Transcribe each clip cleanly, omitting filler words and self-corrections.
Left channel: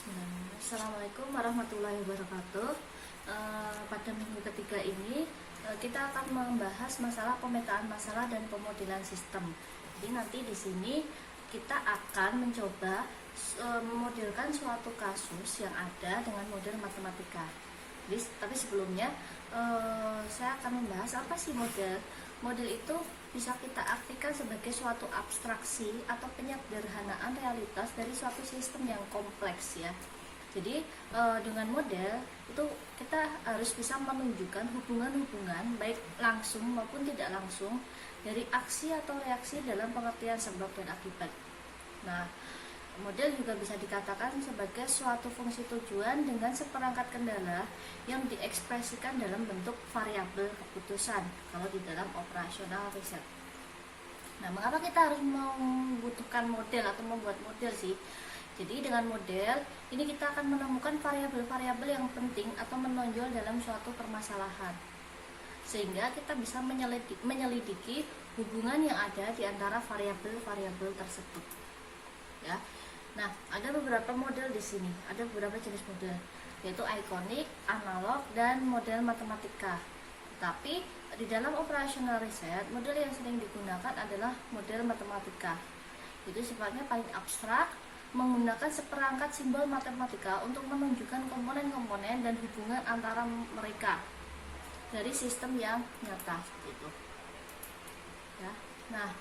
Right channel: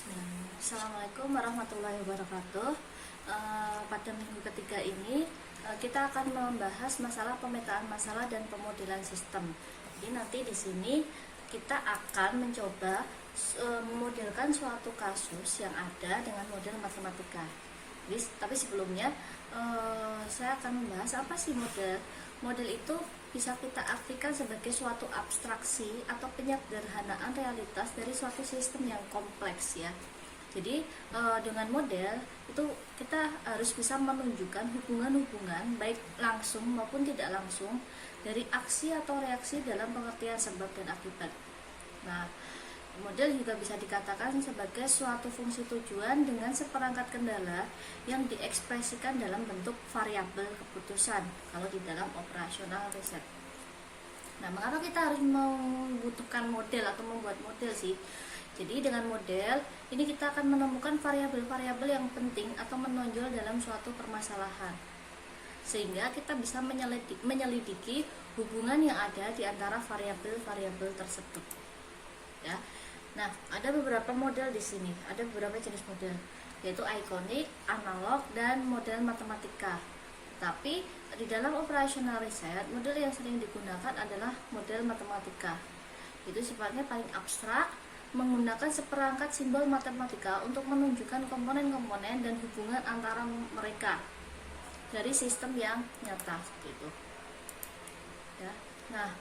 Assalamualaikum warahmatullahi wabarakatuh. Pada minggu ketiga ini kita akan membahas masalah pemetaan masalah dan pemodelan sistem. Jadi nanti di sini kita akan mencoba memodelkan suatu kasus yang ada dengan model matematika. Tapi sebelumnya saya akan membahas apa sih model. Model itu bisa kita artikan sebagai suatu abstraksi atau penyederhanaan realitas dari suatu sistem yang kompleks ya. Jadi dengan model itu kita harus bisa menunjukkan hubungan-hubungan baik langsung maupun tidak langsung dari aksi atau reaksi dalam pengertian sebab dan akibat. Nah, model juga bisa dikatakan sebagai suatu fungsi tujuan dengan seperangkat kendala yang diekspresikan dalam bentuk variabel keputusan kalau di dalam operasional riset. Nah, mengapa kita harus membutuhkan model atau membuat model sih? Jadi dengan model ini kita akan menemukan variabel-variabel yang penting atau menonjol dalam suatu permasalahan, sehingga kita bisa menyelidiki hubungan yang ada di antara variabel-variabel tersebut. Ya. Nah, ada beberapa model di sini, ada beberapa jenis model, yaitu ikonik, analog, dan model matematika. Tapi di dalam operasional riset, model yang sering digunakan adalah model matematika. Itu sifatnya paling abstrak, menggunakan seperangkat simbol matematika untuk menunjukkan komponen-komponen dan hubungan antara mereka dari sistem yang nyata gitu. Ya. Nah,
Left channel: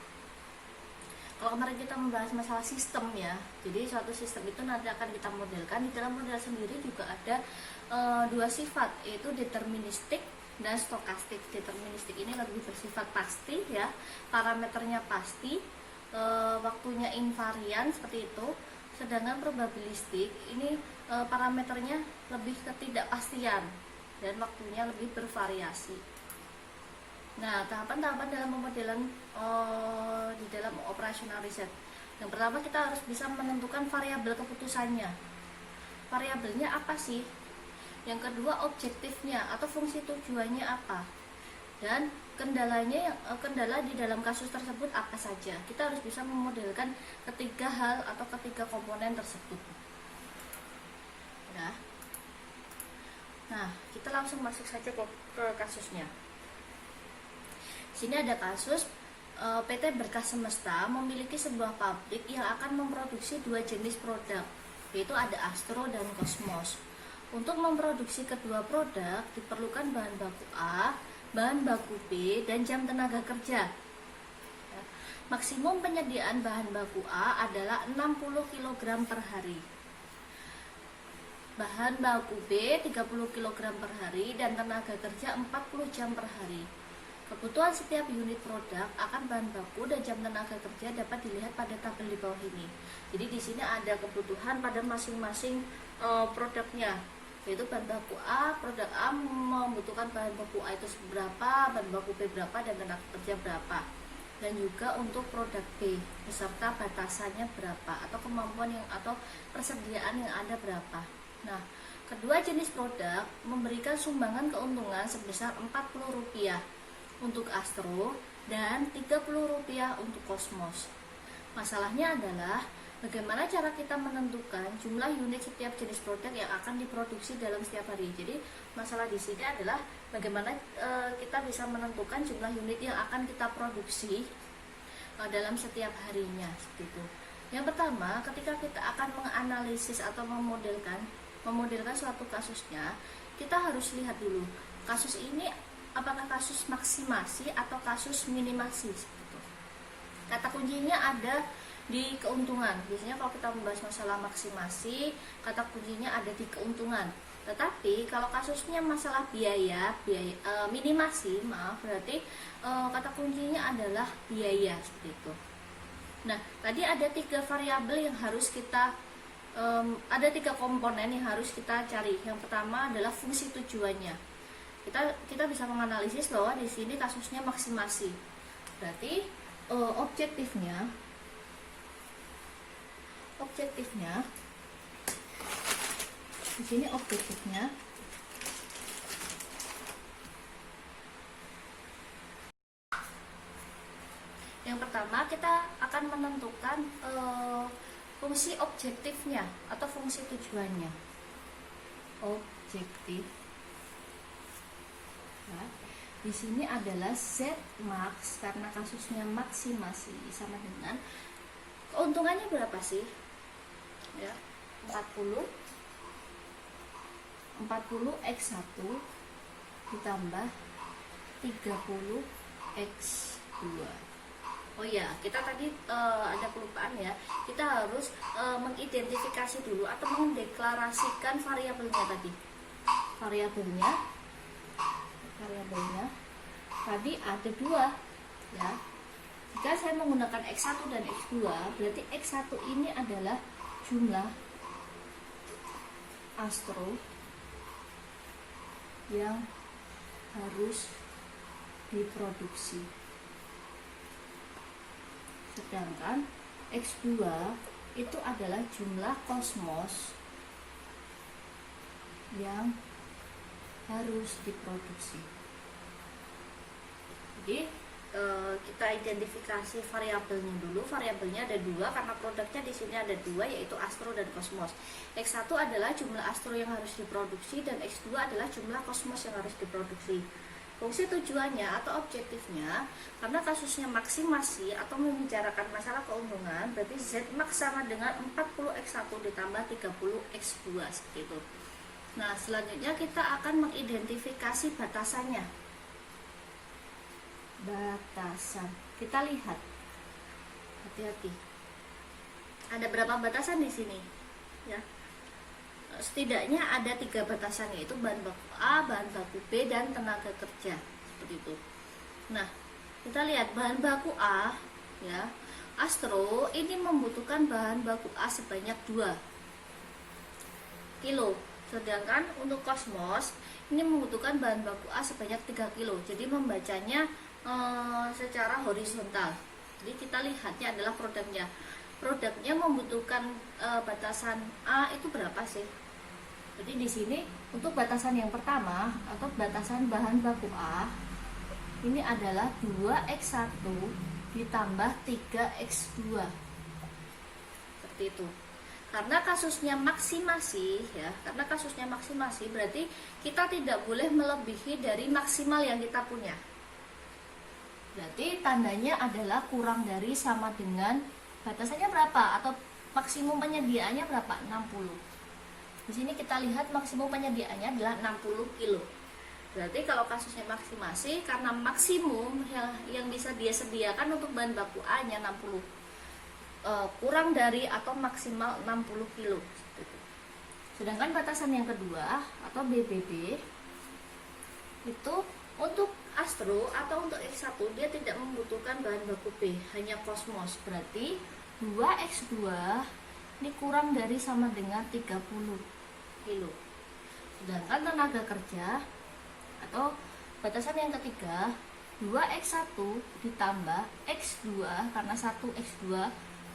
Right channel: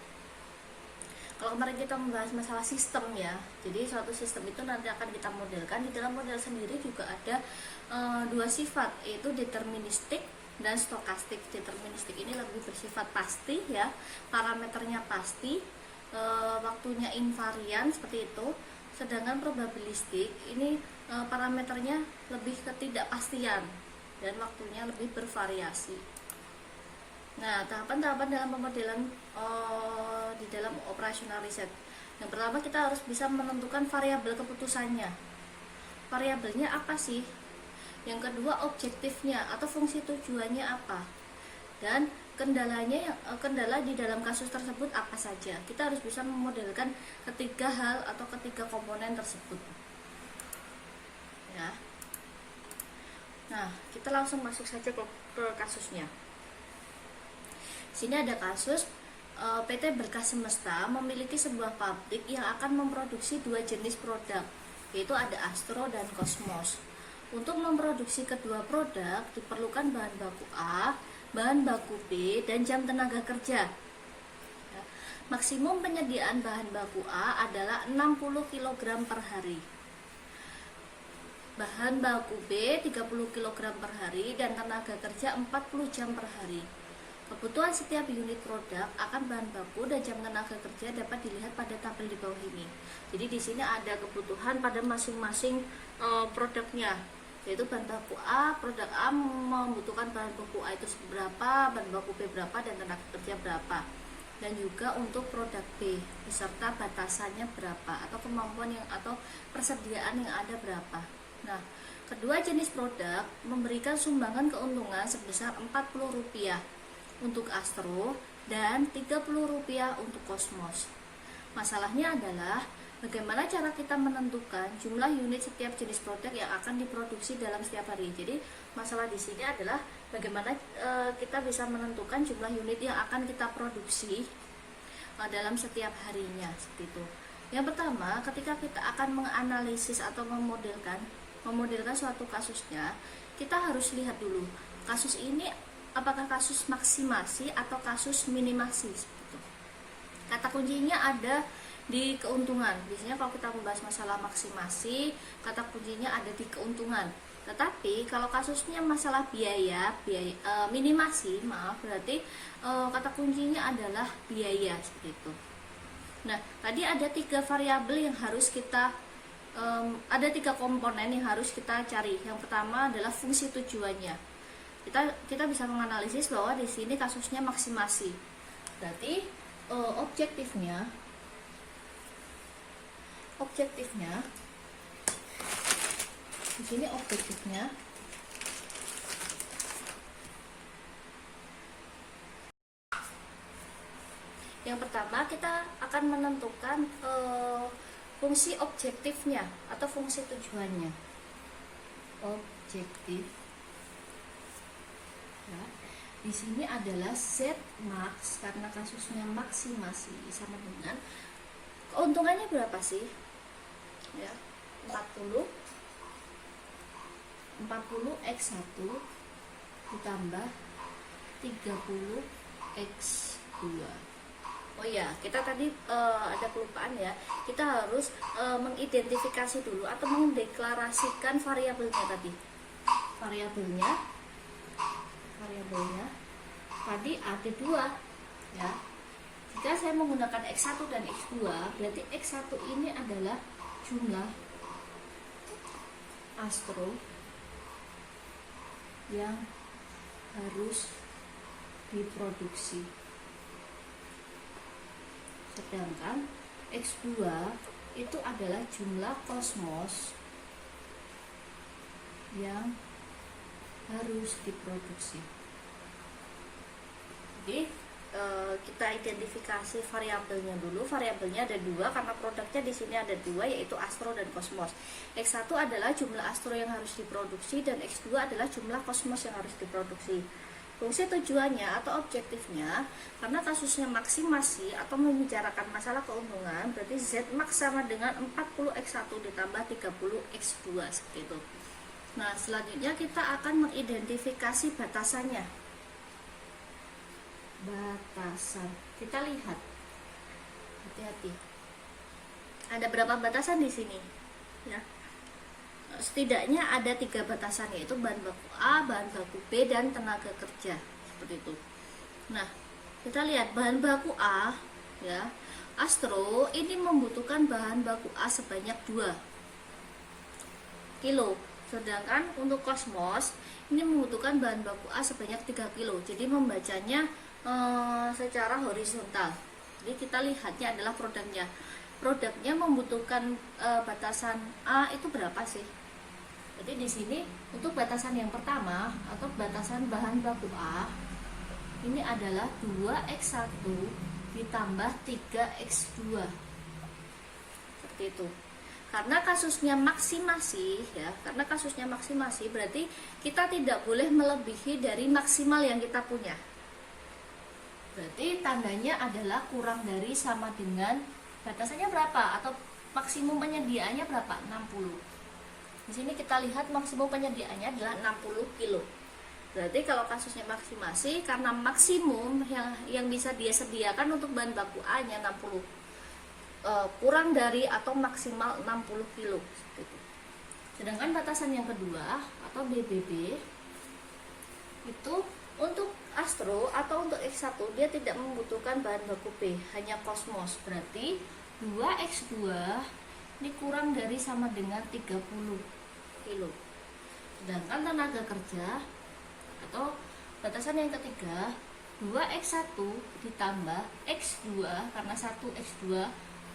kalau kemarin kita membahas masalah sistem ya, jadi suatu sistem itu nanti akan kita modelkan. Di dalam model sendiri juga ada dua sifat, yaitu deterministik dan stokastik. Deterministik ini lebih bersifat pasti ya, parameternya pasti, waktunya invarian seperti itu. Sedangkan probabilistik ini parameternya lebih ketidakpastian dan waktunya lebih bervariasi. Nah, tahapan-tahapan dalam pemodelan di dalam operasional riset. Yang pertama, kita harus bisa menentukan variabel keputusannya. Variabelnya apa sih? Yang kedua, objektifnya atau fungsi tujuannya apa? Dan kendala di dalam kasus tersebut apa saja. Kita harus bisa memodelkan ketiga hal atau ketiga komponen tersebut. Ya. Nah, kita langsung masuk saja ke kasusnya. Sini ada kasus PT Berkah Semesta memiliki sebuah pabrik yang akan memproduksi dua jenis produk, yaitu ada Astro dan Cosmos. Untuk memproduksi kedua produk diperlukan bahan baku A, bahan baku B, dan jam tenaga kerja. Maksimum penyediaan bahan baku A adalah 60 kg per hari. Bahan baku B 30 kg per hari dan tenaga kerja 40 jam per hari. Kebutuhan setiap unit produk akan bahan baku dan jam tenaga kerja dapat dilihat pada tabel di bawah ini. Jadi di sini ada kebutuhan pada masing-masing produknya, yaitu bahan baku A, produk A membutuhkan bahan baku A itu berapa, bahan baku B berapa, dan tenaga kerja berapa. Dan juga untuk produk B beserta batasannya berapa atau kemampuan atau persediaan yang ada berapa. Nah, kedua jenis produk memberikan sumbangan keuntungan sebesar Rp40 untuk Astro dan Rp30 untuk Cosmos. Masalahnya adalah bagaimana cara kita menentukan jumlah unit setiap jenis produk yang akan diproduksi dalam setiap hari. Jadi masalah di sini adalah bagaimana kita bisa menentukan jumlah unit yang akan kita produksi dalam setiap harinya seperti itu. Yang pertama, ketika kita akan menganalisis atau memodelkan suatu kasusnya, kita harus lihat dulu kasus ini apakah kasus maksimasi atau kasus minimasi seperti itu. Kata kuncinya ada di keuntungan. Biasanya kalau kita membahas masalah maksimasi, kata kuncinya ada di keuntungan. Tetapi kalau kasusnya masalah biaya minimasi, berarti kata kuncinya adalah biaya seperti itu. Nah, tadi ada tiga variabel yang harus kita ada tiga komponen yang harus kita cari. Yang pertama adalah fungsi tujuannya. Kita bisa menganalisis bahwa di sini kasusnya maksimasi. Berarti objektifnya di sini objektifnya yang pertama kita akan menentukan fungsi objektifnya atau fungsi tujuannya. Objektif. Ya. Di sini adalah Z max karena kasusnya maksimasi sama dengan keuntungannya berapa sih? Ya, 40 X1 ditambah 30 X2. Oh iya, kita tadi ada kelupaan ya. Kita harus mengidentifikasi dulu atau mendeklarasikan variabelnya tadi. Variabelnya tadi ada 2 ya. Jika saya menggunakan X1 dan X2, berarti X1 ini adalah jumlah astro yang harus diproduksi. Sedangkan X2 itu adalah jumlah kosmos yang harus diproduksi. Jadi kita identifikasi variabelnya dulu. Variabelnya ada 2 karena produknya di sini ada 2, yaitu astro dan kosmos. X1 adalah jumlah astro yang harus diproduksi dan X2 adalah jumlah kosmos yang harus diproduksi. Fungsi tujuannya atau objektifnya, karena kasusnya maksimasi atau membicarakan masalah keuntungan, berarti Z max sama dengan 40 X1 ditambah 30 X2 seperti itu. Nah, selanjutnya kita akan mengidentifikasi batasannya. Batasan. Kita lihat. Hati-hati. Ada berapa batasan di sini? Ya. Setidaknya ada 3 batasan, yaitu bahan baku A, bahan baku B, dan tenaga kerja. Seperti itu. Nah, kita lihat bahan baku A, ya. Astro ini membutuhkan bahan baku A sebanyak 2 kilo. Sedangkan untuk kosmos ini membutuhkan bahan baku A sebanyak 3 kilo. Jadi membacanya secara horizontal. Jadi kita lihatnya adalah produknya. Produknya membutuhkan batasan A itu berapa sih? Jadi di sini untuk batasan yang pertama atau batasan bahan baku A ini adalah 2X1 ditambah 3X2. Seperti itu. Karena kasusnya maksimasi ya, karena kasusnya maksimasi berarti kita tidak boleh melebihi dari maksimal yang kita punya. Berarti tandanya adalah kurang dari sama dengan batasannya berapa atau maksimum penyediaannya berapa? 60. Di sini kita lihat maksimum penyediaannya adalah 60 kilo. Berarti kalau kasusnya maksimasi, karena maksimum yang bisa dia sediakan untuk bahan baku A-nya 60, kurang dari atau maksimal 60 kilo. Sedangkan batasan yang kedua atau BBB itu untuk astro atau untuk X1 dia tidak membutuhkan bahan baku B, hanya kosmos. Berarti 2X2 ini kurang dari sama dengan 30 kilo. Sedangkan tenaga kerja atau batasan yang ketiga 2X1 ditambah X2 karena 1X2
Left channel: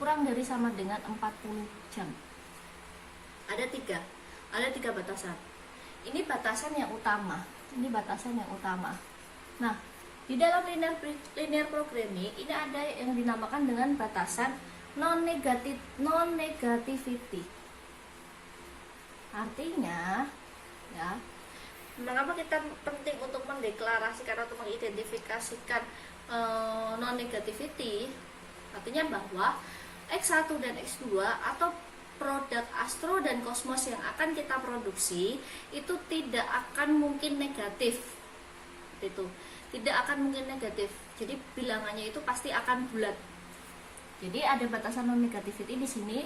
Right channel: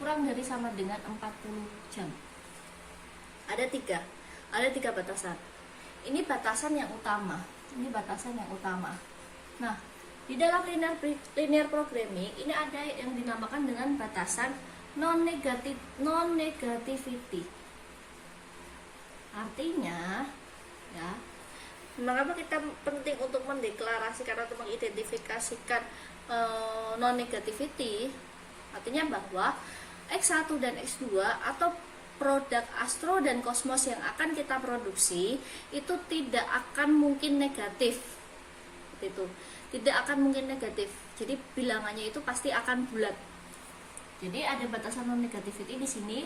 kurang dari sama dengan 40 jam. Ada tiga batasan. Ini batasan yang utama. Nah, di dalam linear programming ini ada yang dinamakan dengan batasan non-negativity. Artinya, ya, mengapa kita penting untuk mendeklarasikan atau mengidentifikasikan non-negativity? Artinya bahwa X1 dan X2 atau produk astro dan kosmos yang akan kita produksi itu tidak akan mungkin negatif. Itu tidak akan mungkin negatif. Jadi bilangannya itu pasti akan bulat. Jadi ada batasan non-negativity di sini.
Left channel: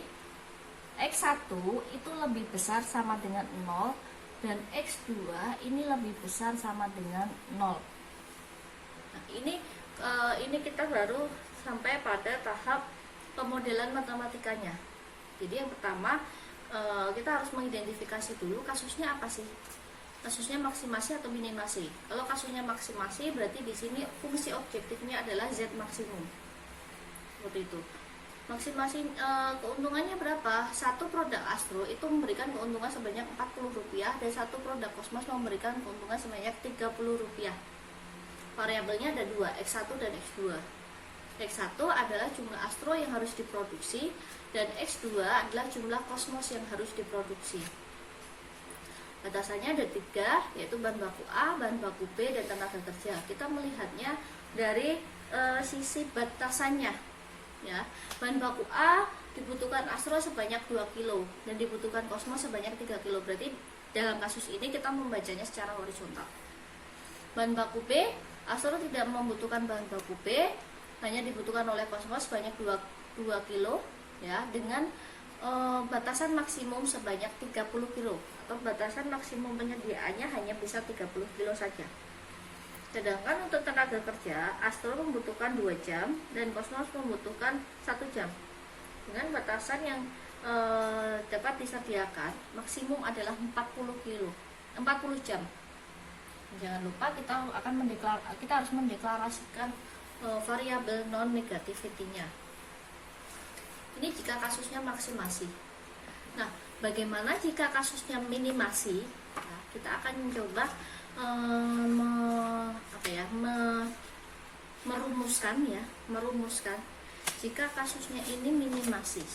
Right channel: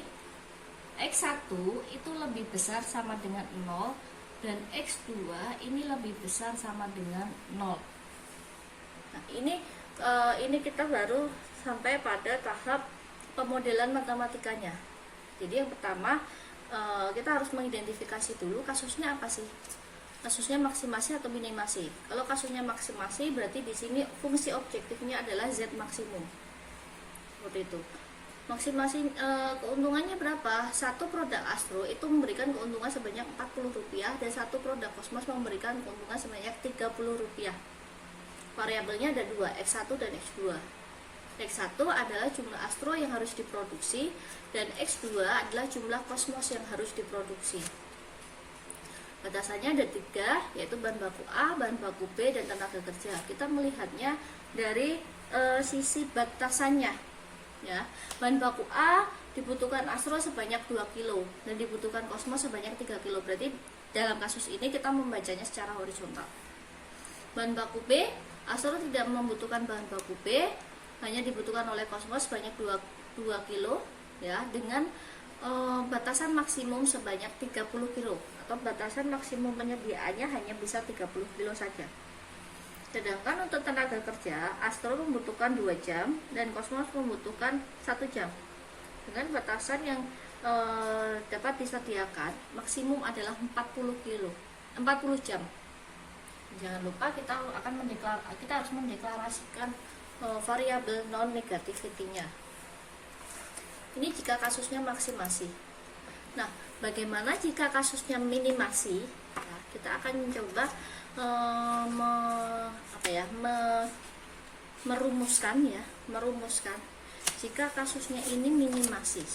X1 itu lebih besar sama dengan 0 dan X2 ini lebih besar sama dengan 0. Nah, ini kita baru sampai pada tahap pemodelan matematikanya. Jadi yang pertama kita harus mengidentifikasi dulu kasusnya apa sih? Kasusnya maksimasi atau minimasi. Kalau kasusnya maksimasi berarti di sini fungsi objektifnya adalah Z maksimum. Seperti itu. Maksimasi keuntungannya berapa? Satu produk astro itu memberikan keuntungan sebanyak Rp40 dan satu produk kosmos memberikan keuntungan sebanyak Rp30. Variabelnya ada 2, X1 dan X2. X1 adalah jumlah astro yang harus diproduksi dan X2 adalah jumlah kosmos yang harus diproduksi. Batasannya ada 3, yaitu bahan baku A, bahan baku B, dan tenaga kerja. Kita melihatnya dari sisi batasannya, ya. Bahan baku A dibutuhkan astro sebanyak 2 kilo dan dibutuhkan kosmos sebanyak 3 kilo. Berarti dalam kasus ini kita membacanya secara horizontal. Bahan baku B, astro tidak membutuhkan bahan baku B, hanya dibutuhkan oleh kosmos sebanyak 2 kilo, ya, dengan batasan maksimum sebanyak 30 kilo, atau batasan maksimum penyediaannya hanya bisa 30 kilo saja. Sedangkan untuk tenaga kerja, astro membutuhkan 2 jam dan kosmos membutuhkan 1 jam. Dengan batasan yang dapat disediakan maksimum adalah 40 jam. Jangan lupa kita harus mendeklarasikan variabel non negativity-nya. Ini jika kasusnya maksimasi. Nah, bagaimana jika kasusnya minimasi? Nah, kita akan mencoba merumuskan jika kasusnya ini minimasi.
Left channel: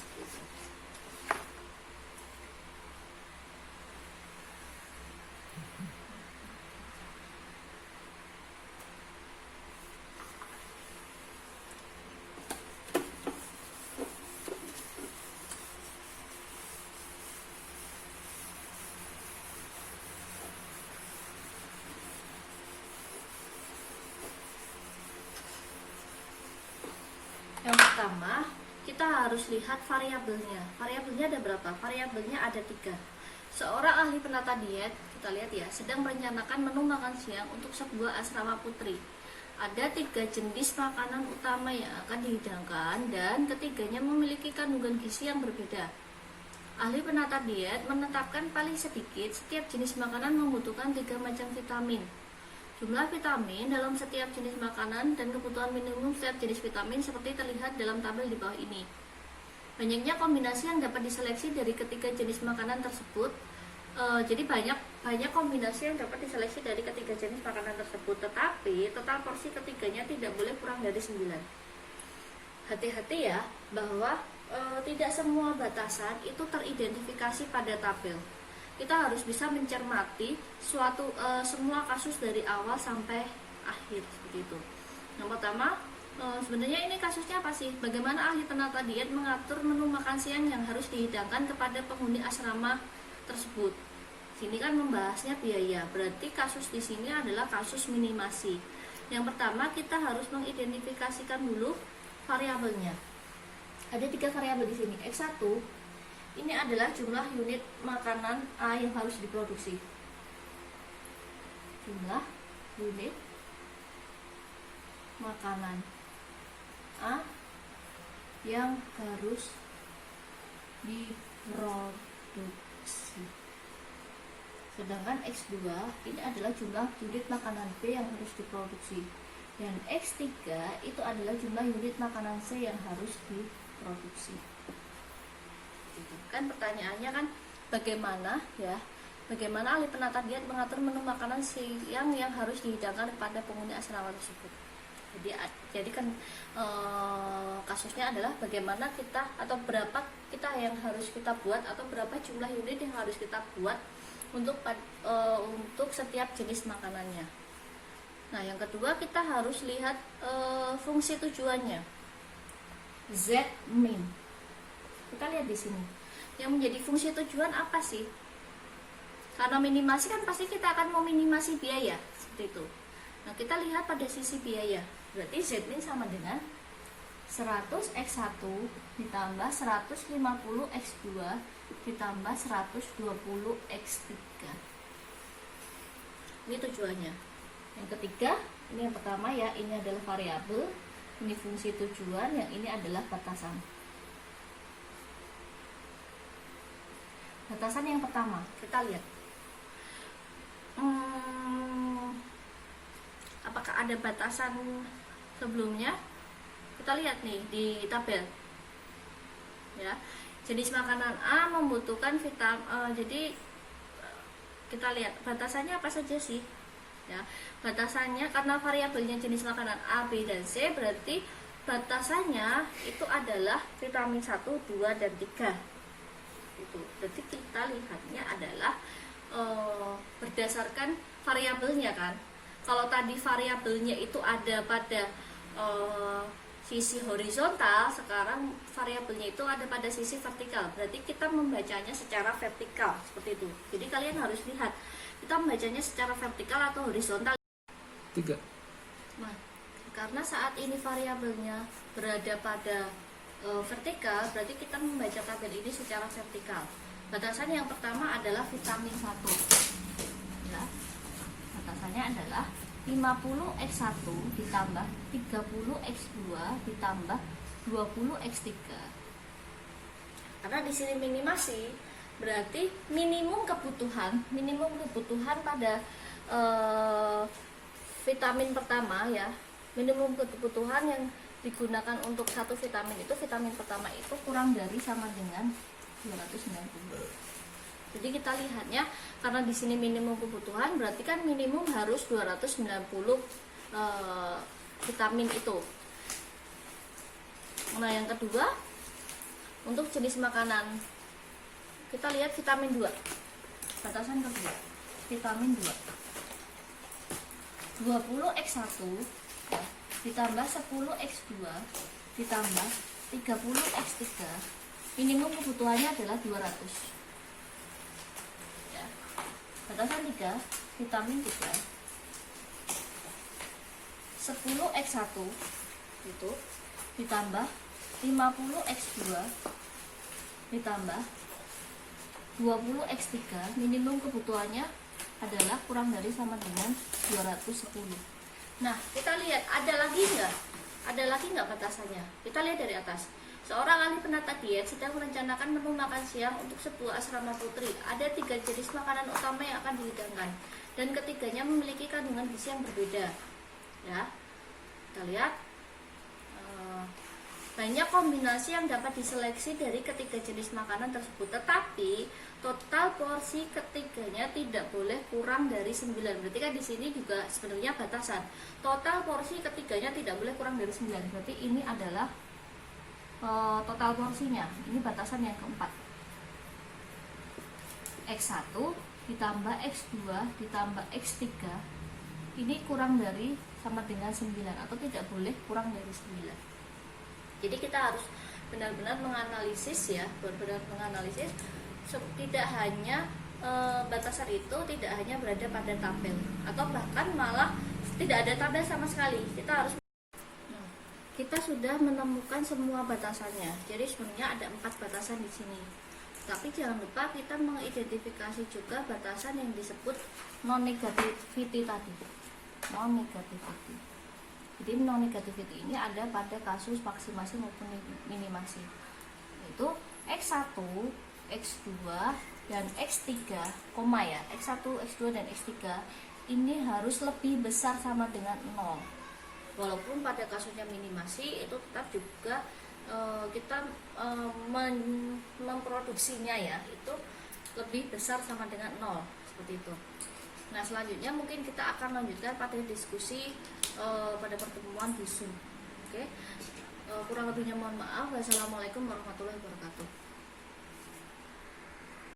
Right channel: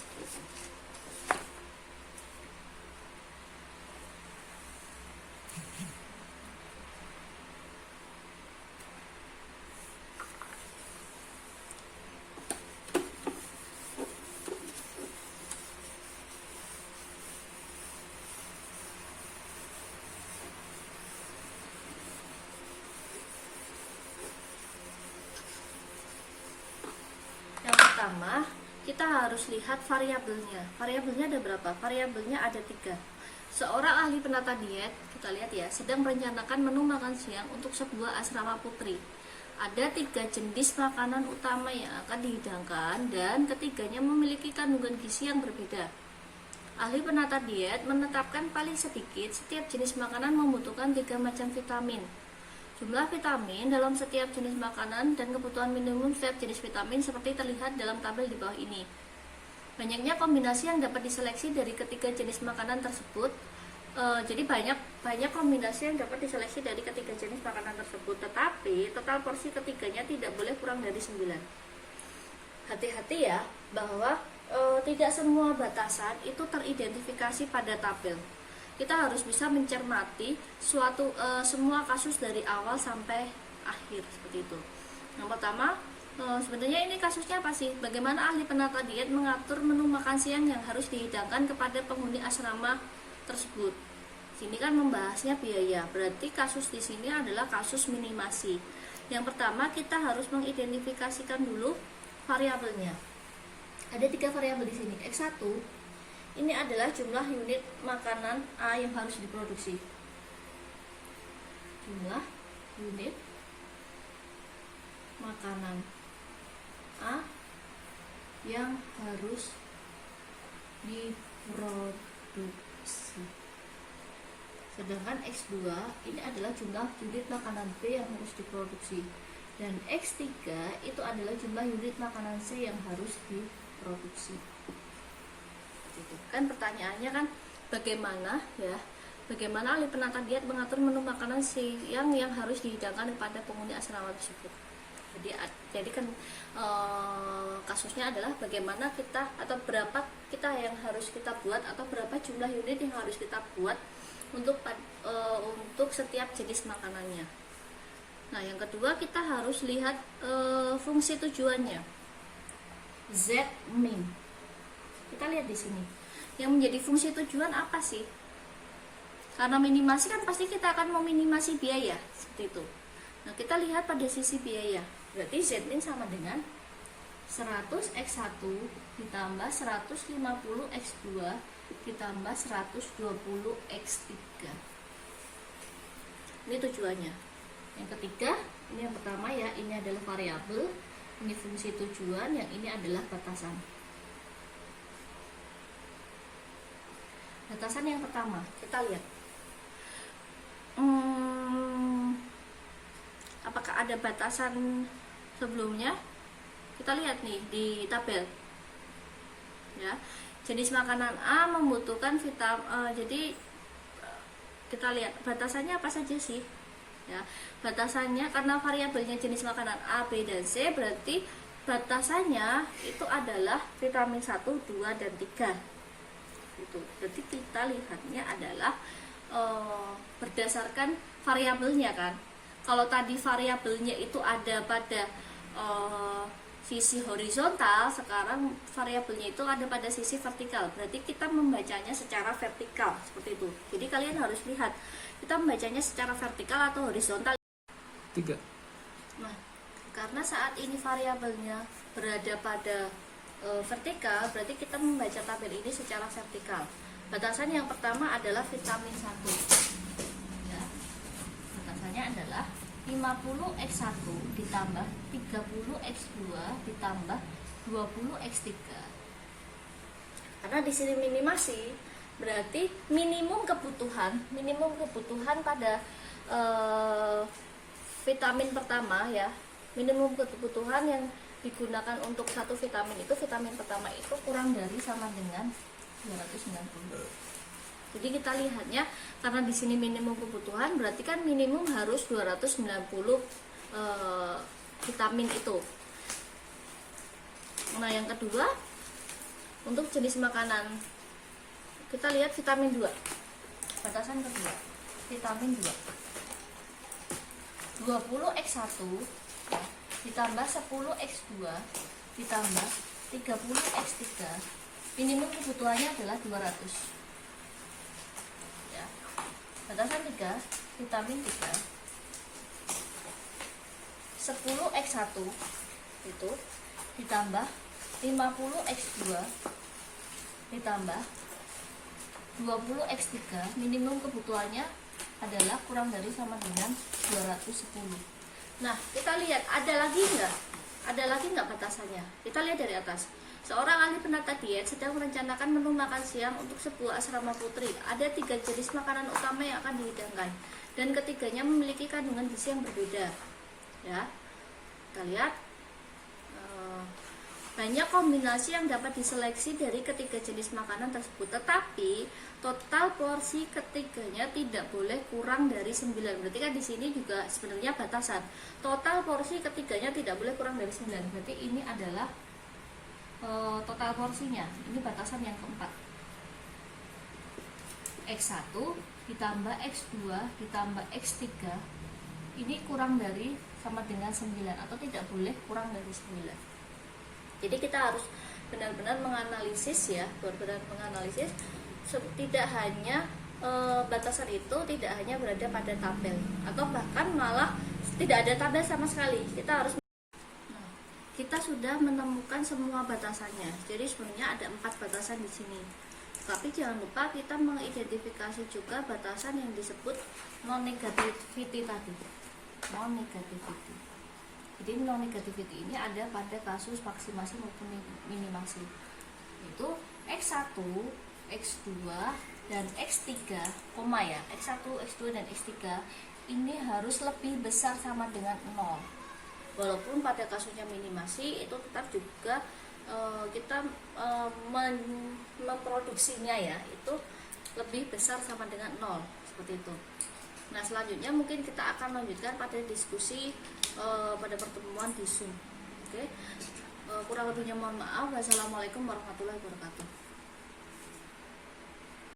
Yang pertama, kita harus lihat variabelnya. Variabelnya ada berapa? Variabelnya ada 3. Seorang ahli penata diet, kita lihat ya, sedang merencanakan menu makan siang untuk sebuah asrama putri. Ada 3 jenis makanan utama yang akan dihidangkan dan ketiganya memiliki kandungan gizi yang berbeda. Ahli penata diet menetapkan paling sedikit setiap jenis makanan membutuhkan 3 macam vitamin. Jumlah vitamin dalam setiap jenis makanan dan kebutuhan minimum setiap jenis vitamin seperti terlihat dalam tabel di bawah ini. Banyaknya kombinasi yang dapat diseleksi dari ketiga jenis makanan tersebut. Jadi banyak kombinasi yang dapat diseleksi dari ketiga jenis makanan tersebut, tetapi total porsi ketiganya tidak boleh kurang dari 9. Hati-hati ya, bahwa tidak semua batasan itu teridentifikasi pada tabel. Kita harus bisa mencermati semua kasus dari awal sampai akhir, seperti itu. Yang pertama, sebenarnya ini kasusnya apa sih? Bagaimana ahli penata diet mengatur menu makan siang yang harus dihidangkan kepada penghuni asrama tersebut. Sini kan membahasnya biaya. Berarti kasus di sini adalah kasus minimasi. Yang pertama, kita harus mengidentifikasikan dulu variabelnya. Ada 3 variabel di sini. X1 ini adalah jumlah unit makanan A yang harus diproduksi. Jumlah unit makanan A yang harus diproduksi. Sedangkan X2 ini adalah jumlah unit makanan B yang harus diproduksi. Dan X3 itu adalah jumlah unit makanan C yang harus diproduksi. Gitu. Kan pertanyaannya kan bagaimana ahli penata diet mengatur menu makanan siang yang harus dihidangkan kepada penghuni asrama tersebut. Jadi kan kasusnya adalah bagaimana kita atau berapa kita yang harus kita buat atau berapa jumlah unit yang harus kita buat untuk setiap jenis makanannya. Nah, yang kedua kita harus lihat fungsi tujuannya. Z min. Kita lihat di sini. Yang menjadi fungsi tujuan apa sih? Karena minimasi kan pasti kita akan meminimasi biaya, seperti itu. Nah, kita lihat pada sisi biaya. Berarti Z min sama dengan 100 X1 ditambah 150 X2 ditambah 120 X3. Ini tujuannya. Yang ketiga, ini yang pertama ya, ini adalah variabel, ini fungsi tujuan, yang ini adalah batasan. Batasan yang pertama, kita lihat. Apakah ada batasan sebelumnya? Kita lihat nih di tabel. Ya, jenis makanan A membutuhkan vitamin. Jadi kita lihat batasannya apa saja sih? Ya, batasannya karena variabelnya jenis makanan A, B, dan C, berarti batasannya itu adalah vitamin 1, 2, dan 3 itu. Berarti kita lihatnya adalah berdasarkan variabelnya kan. Kalau tadi variabelnya itu ada pada sisi horizontal, sekarang variabelnya itu ada pada sisi vertikal. Berarti kita membacanya secara vertikal seperti itu. Jadi kalian harus lihat kita membacanya secara vertikal atau horizontal. 3. Nah, karena saat ini variabelnya berada pada vertikal, berarti kita membaca tabel ini secara vertikal. Batasan yang pertama adalah vitamin 1. Ya, batasannya adalah 50x1 ditambah 30x2 ditambah 20x3. Karena di sini minimasi, berarti minimum kebutuhan pada vitamin pertama ya. Minimum kebutuhan yang digunakan untuk satu vitamin itu, vitamin pertama itu kurang dari sama dengan 290. Jadi kita lihatnya karena di sini minimum kebutuhan, berarti kan minimum harus 290 vitamin itu. Nah, yang kedua untuk jenis makanan kita lihat vitamin 2. Batasan kedua, vitamin 2. 20x1 ya, ditambah 10x2 ditambah 30x3. Minimum kebutuhannya adalah 200. Batasan 3, vitamin 3 10x1 itu ditambah 50x2 ditambah 20x3. Minimum kebutuhannya adalah kurang dari sama dengan 210. Nah, kita lihat ada lagi nggak batasannya. Kita lihat dari atas. Seorang ahli penata diet sedang merencanakan menu makan siang untuk sebuah asrama putri. Ada 3 jenis makanan utama yang akan dihidangkan, dan ketiganya memiliki kandungan gizi yang berbeda. Ya, kita lihat banyak kombinasi yang dapat diseleksi dari ketiga jenis makanan tersebut. Tetapi total porsi ketiganya tidak boleh kurang dari 9. Berarti kan di sini juga sebenarnya batasan. Total porsi ketiganya tidak boleh kurang dari 9. Berarti ini adalah total porsinya. Ini batasan yang keempat. X1 ditambah X2 ditambah X3 ini kurang dari sama dengan 9 atau tidak boleh kurang dari 9. Jadi kita harus benar-benar menganalisis ya, tidak hanya batasan itu tidak hanya berada pada tabel atau bahkan malah tidak ada tabel sama sekali. Kita sudah menemukan semua batasannya. Jadi sebenarnya ada 4 batasan di sini. Tapi jangan lupa kita mengidentifikasi juga batasan yang disebut non-negativity tadi. Non-negativity. Jadi non-negativity ini ada pada kasus maksimasi maupun minimasi. Yaitu X1, X2, dan X3, ya. X1, X2, dan X3 ini harus lebih besar sama dengan 0. Walaupun pada kasusnya minimasi itu tetap juga kita memproduksinya ya itu lebih besar sama dengan 0 seperti itu. Nah, selanjutnya mungkin kita akan lanjutkan pada diskusi pada pertemuan di Zoom. Oke. Kurang lebihnya mohon maaf. Wassalamualaikum warahmatullahi wabarakatuh.